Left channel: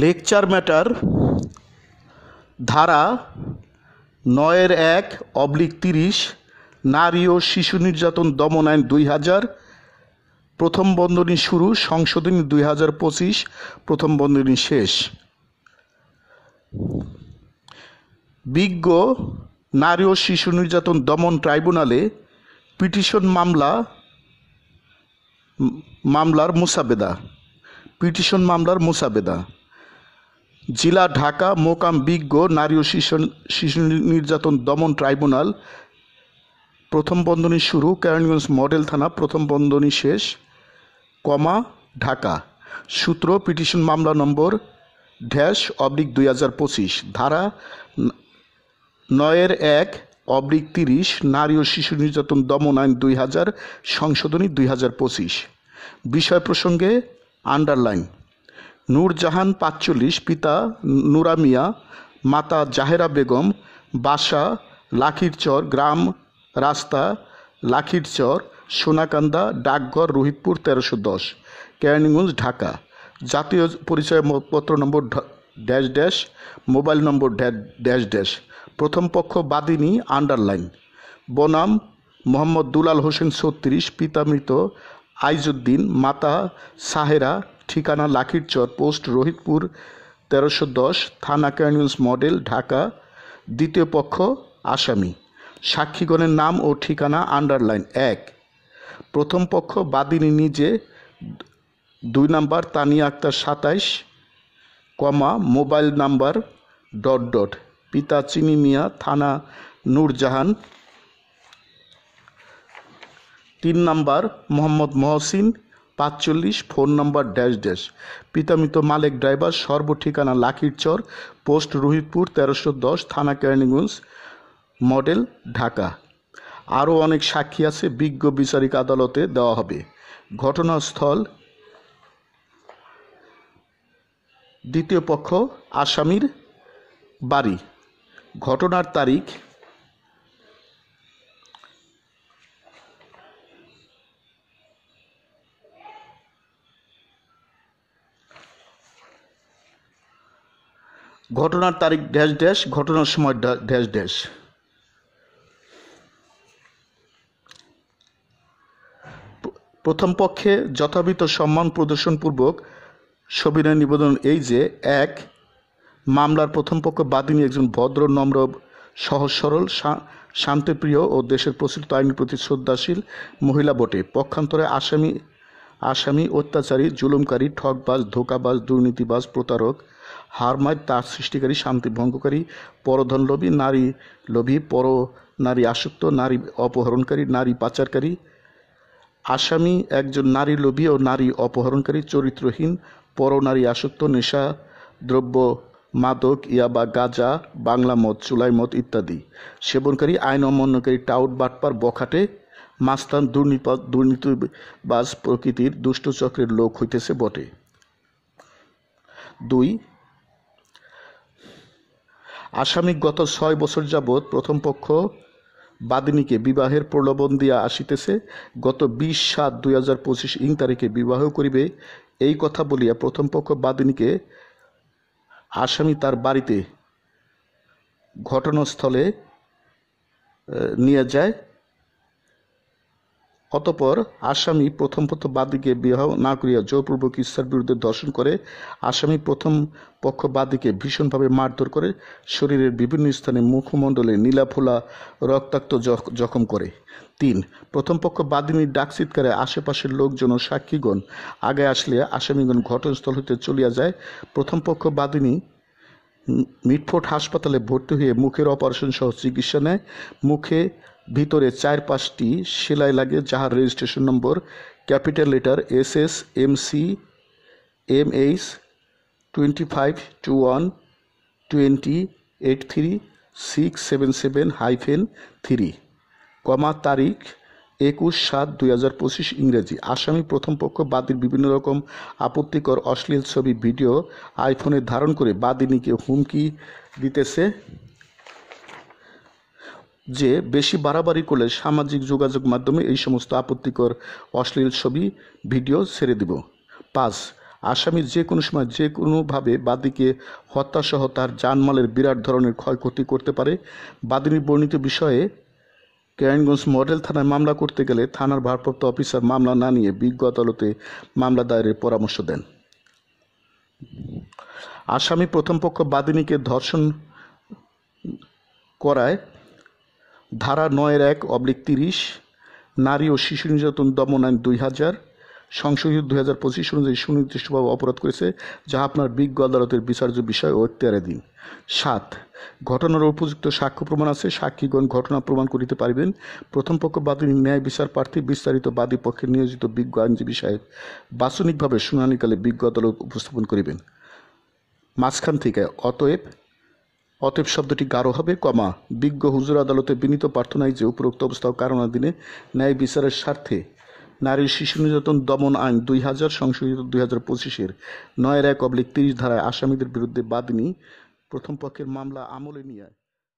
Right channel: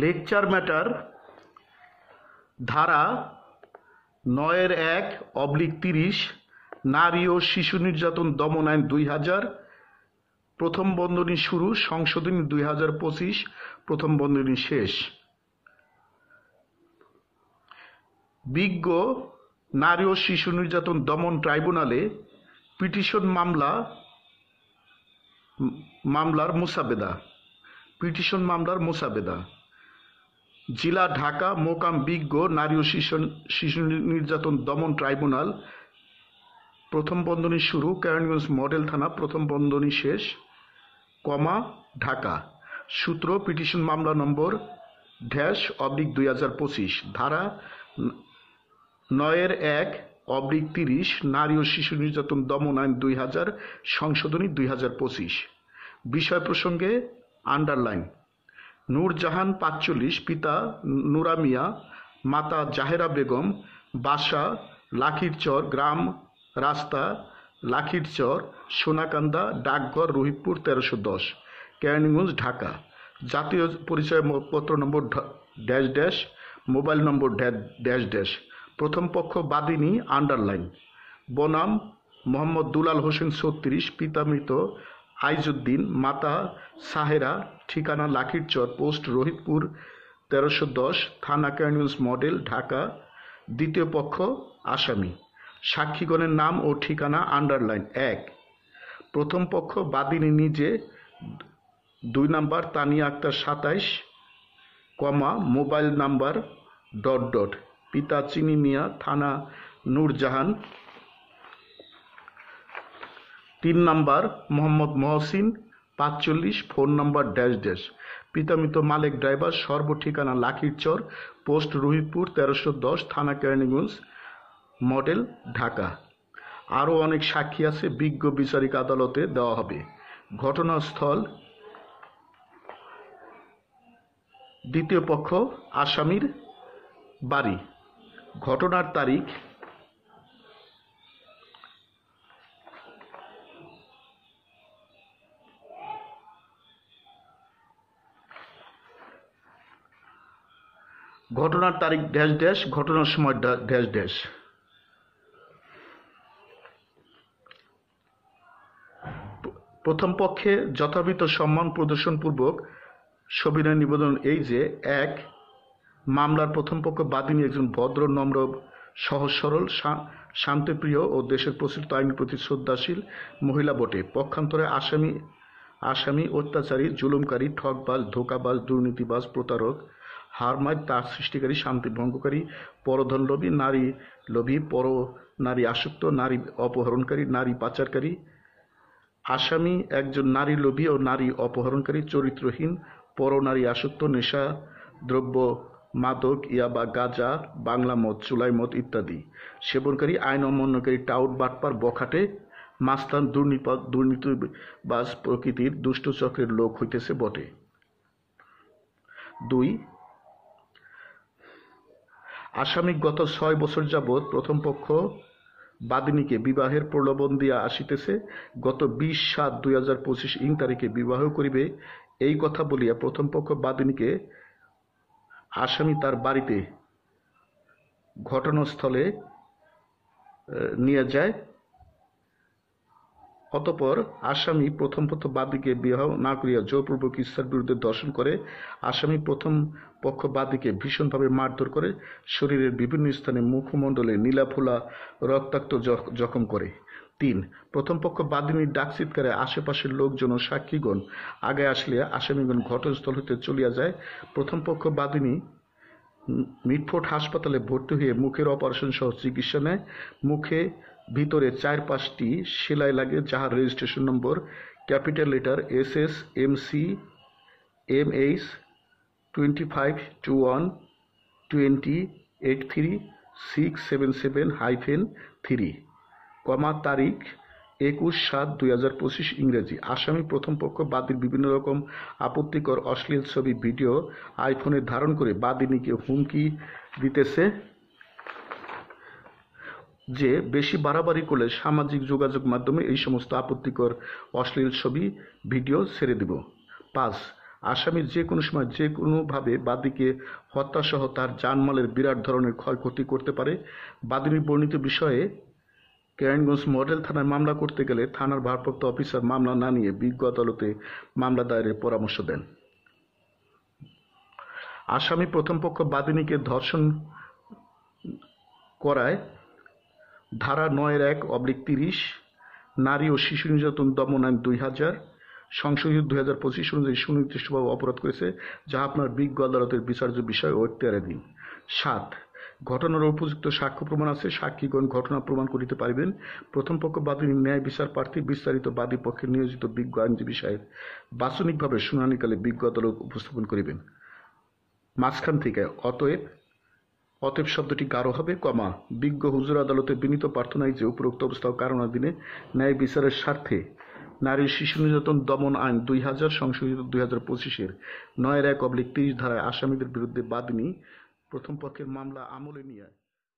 Lecture matter ধারা ৯-১/৩০ নারী ও শিশু নির্যাতন দমন আইন ২০০০ প্রথম বন্ধনী শুরু, সংশোধনী ২০২৫ প্রথম বন্ধনী শেষ। বিজ্ঞ নারী ও শিশু নির্যাতন দমন ট্রাইব্যুনালে পিটিশন মামলার মোসাবেদা। জেলা ঢাকা, মোকাম বিজ্ঞ নারী ও শিশু নির্যাতন দমন ট্রাইব্যুনাল, প্রথম বন্ধনী শুরু, কেরানীগঞ্জ মডেল থানা, প্রথম বন্ধনী শেষ, ঢাকা। সূত্র পিটিশন মামলা নম্বর /2025 ধারা ৯-১/৩০ নারী ও শিশু নির্যাতন দমন আইন ২০০০ সংশোধনী ২০২৫। বিষয় প্রসঙ্গে আন্ডারলাইন। নূরজাহান ৪৫, পিতা নুরা মিয়া, মাতা জাহেরা বেগম, বাসা লাখিরচর, গ্রাম রাস্তা লাখিরচর, সোনাকান্দা, ডাকঘর রোহিতপুর ১৩১০, কেরানীগঞ্জ, ঢাকা। জাতীয় পরিচয়পত্র নম্বর -- মোবাইল নম্বর -- প্রথম পক্ষ বাদিনী আন্ডারলাইন। বনাম মোহাম্মদ দুলাল হোসেন ৩৬, পিতা মৃত আইজউদ্দিন, মাতা সাহেরা, ঠিকানা লাখিরচর, পোস্ট রোহিতপুর ১৩১০, থানা কেরানীগঞ্জ মডেল, ঢাকা। দ্বিতীয় পক্ষ আসামি। সাক্ষীগণের নাম ও ঠিকানা আন্ডারলাইন। ১. প্রথম পক্ষ বাদিনী নিজে, ২ নম্বর তানিয়া আক্তার ২৭, মোবাইল নাম্বার ... পিতা চিনি মিয়া, থানা নূরজাহান। ৩ নম্বর মোহাম্মদ মহসিন ৪৫, ফোন নম্বর -- পিতা মৃত মালেক ড্রাইভার, সর্ব ঠিকানা লাখিরচর, পোস্ট রোহিতপুর ১৩১০, থানা কেরানীগঞ্জ মডেল, ঢাকা। আরও অনেক সাক্ষী আছে, বিজ্ঞ বিচারিক আদালতে দেওয়া হবে। ঘটনাস্থল দ্বিতীয় পক্ষ আসামির বাড়ি। ঘটনার তারিখ -- ঘটনার সময় -- প্রথম পক্ষে যথাবিহিত সম্মান প্রদর্শনপূর্বক সবিনয় নিবেদন এই যে: ১. মামলার প্রথম পক্ষ বাদিনী একজন ভদ্র, নম্র, সহজ সরল, শান্তিপ্রিয় ও দেশের প্রচলিত আইনের প্রতি শ্রদ্ধাশীল মহিলা বটে। পক্ষান্তরে আসামি অত্যাচারী, জুলুমকারী, ঠকবাজ, ধোঁকাবাজ, দুর্নীতিবাজ, প্রতারক, হারমাদ, তার সৃষ্টিকারী, শান্তি ভঙ্গকারী, পরধনলোভী, নারী লোভী, নারী আসক্ত, নারী অপহরণকারী, নারী পাচারকারী। আসামি একজন নারী লোভী ও নারী অপহরণকারী, চরিত্রহীন, পরনারী আসক্ত, নেশা দ্রব্য, মাদক, ইয়াবা, গাঁজা, বাংলা মদ, চুলাই মদ ইত্যাদি সেবনকারী, আইন অমান্যকারী, টাউট, বাটপার, বখাটে, মাস্তান, দুর্নীতিবাজ প্রকৃতির দুষ্ট চক্রের লোক হইতেছে বটে। ২. আসামি গত ৬ বছর যাবৎ প্রথম পক্ষ বাদিনীকে বিবাহের প্রলোভন দিয়া আসিতেছে, গত ২০/৭/২০২৫ তারিখে বিবাহ করিবে এই কথা বলিয়া প্রথম পক্ষ বাদিনীকে আসামি তার বাড়িতে ঘটনাস্থলে নিয়ে যায়। অতঃপর আসামি প্রথম পক্ষ বাদীকে বিবাহ না করিয়া জোরপূর্বক ইচ্ছার বিরুদ্ধে ধর্ষণ করে। আসামি প্রথম পক্ষ বাদীকে ভীষণভাবে মারধর করে, শরীরের বিভিন্ন স্থানে মুখমণ্ডলে নীলাফোলা রক্তাক্ত জখম করে। ৩. প্রথম পক্ষ বাদিনীর ডাক চিৎকারে আশেপাশের লোকজন ও সাক্ষীগণ আগে আসলে আসামিগণ ঘটনাস্থল হইতে চলিয়া যায়। প্রথম পক্ষ বাদিনী মিটফোর্ড হাসপাতালে ভর্তি হয়ে মুখের অপারেশন সহ চিকিৎসা নেয়। মুখে ভিতরে ৪-৫টি সেলাই লাগে, যাহার registration number capital letter SSMC MH 2521-20-83677-3, তারিখ ২১/৭/২০২৫ ইংরেজি। আসামি প্রথম পক্ষ বাদীর বিভিন্ন রকম আপত্তিকর অশ্লীল ছবি, ভিডিও আইফোনে ধারণ করে বাদিনীকে হুমকি দিতেছে যে বেশি বাড়াবাড়ি করলে সামাজিক যোগাযোগ মাধ্যমে এই সমস্ত আপত্তিকর অশ্লীল ছবি, ভিডিও ছেড়ে দিব। ৫. আসামি যে কোনো সময় যে কোনোভাবে বাদীকে হত্যাসহ তার জানমালের বিরাট ধরনের ক্ষয়ক্ষতি করতে পারে। বাদীর বর্ণিত বিষয়ে কেরানীগঞ্জ মডেল থানায় মামলা করতে গেলে থানার ভারপ্রাপ্ত অফিসার মামলা না নিয়ে বিজ্ঞ আদালতে মামলা দায়েরের পরামর্শ দেন। আসামি প্রথম পক্ষ বাদিনীকে ধর্ষণ করায় ধারা ৯(১)/30 নারী ও শিশু নির্যাতন দমন আইন ২০০০ সংশোধিত ২০২৫ অনুযায়ী সুনির্দিষ্টভাবে অপরাধ করেছে, যা আপনার বিজ্ঞ আদালতের বিচার্য বিষয় ও এখতিয়ারাধীন। ৭. ঘটনার উপযুক্ত সাক্ষ্য প্রমাণ আছে, সাক্ষীগণ ঘটনা প্রমাণ করিতে পারিবেন। প্রথম পক্ষ বাদী ন্যায় বিচার প্রার্থী বিস্তারিত বাদী পক্ষে নিয়োজিত বিজ্ঞ আইনজীবী সাহেব বাচনিকভাবে শুনানিকালে বিজ্ঞ আদালত উপস্থাপন করিবেন। মাঝখান থেকে অতএব শব্দটি গাঢ় হবে, বিজ্ঞ হুজুর আদালতে বিনীত প্রার্থনায় যে উপরোক্ত অবস্থা ও কারণাধীনে ন্যায় বিচারের স্বার্থে নারী শিশু নির্যাতন দমন আইন ২০০০ সংশোধিত ২০২৫-এর ৯(১)/30 ধারায় আসামিদের বিরুদ্ধে বাদিনী প্রথম পক্ষের মামলা আমলে নিয়ে